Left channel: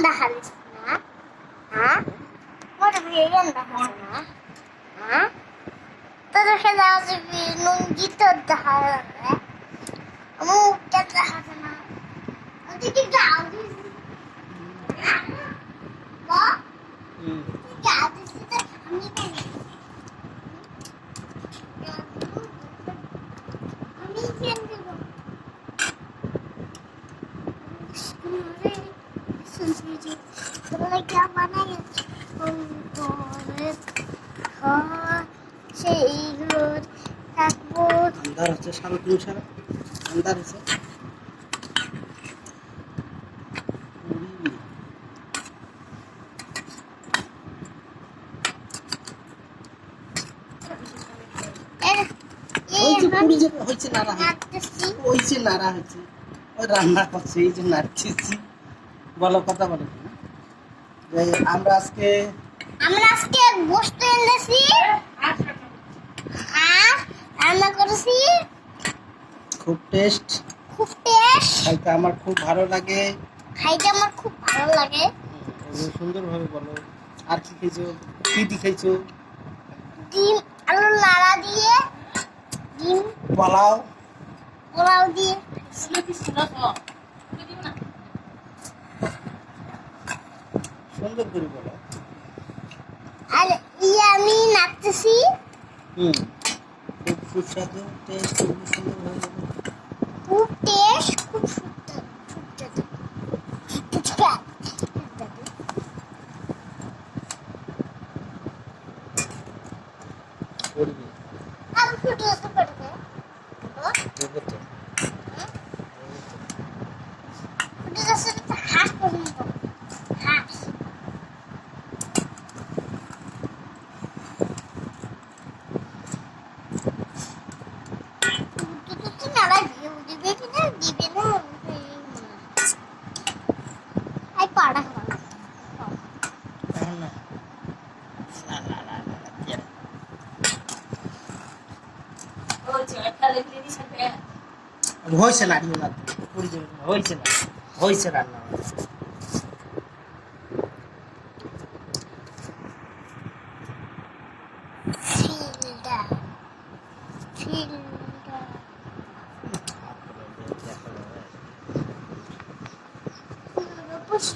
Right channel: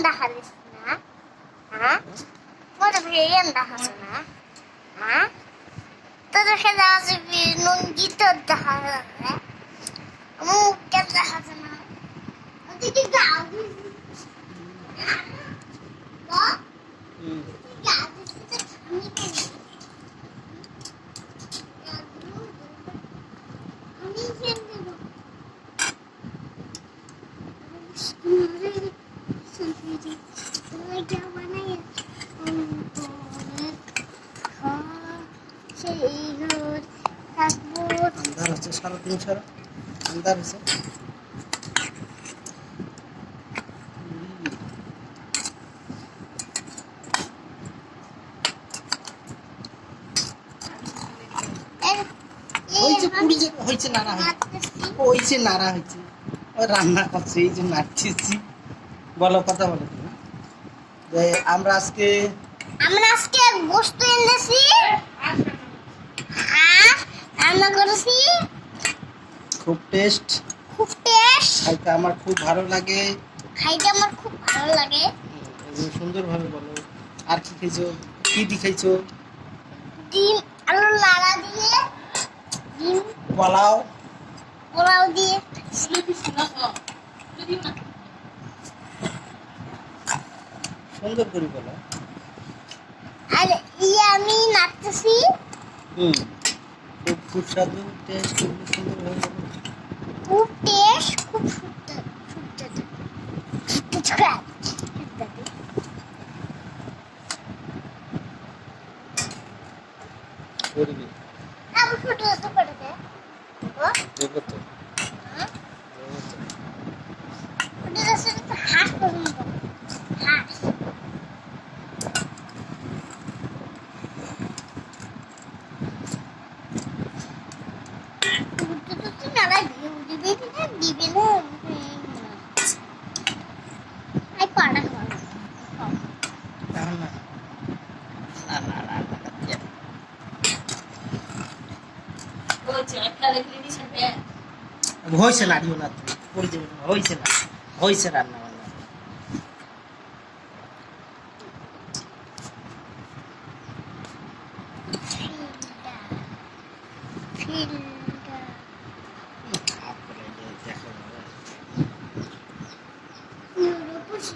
দেখা দিস না হ্যাঁ মোর ভিডিও দেখা না হ্যাঁ তোদের খেলা আছে নুঙ্গি তো দেখা যাবে মুখ কে দেখা না ওদিকে গাও क्या बनाए अंधार হচ্ছে সারা দিন সারা अंधार হচ্ছে ওই যে পুরি যে হইছে নাড়া হইছে নাড়া হইছে ওই রান্না করছে এই যে নাড়তেছি বলো কথা বলো তুমি যে আমরা আজকে গোশত এনেছি আর রান্না করেছি খুব টেস্ট খাইতে আমার খুব ভালো লাগে সুন্দর ভাবে বলো আর কি খাইছো কি দি খাইছো ডিম আলু লাড়া দিয়ে ডিম পোলাও দিয়ে সুন্দর করে বলো আর আমি নাচতেছি খুব সুস্বাদু টেস্ট খুব সুন্দর ভাবে বলো খুব সুন্দর করবি আমি ছোট ছোট করে দে দেবো তো হাঁস পর্যন্ত হাঁস দিবে না আই পাড়া খাওয়া এখন না হয়েছে নাড়িও না পড়ে যাবে হয়েছে রান্না Push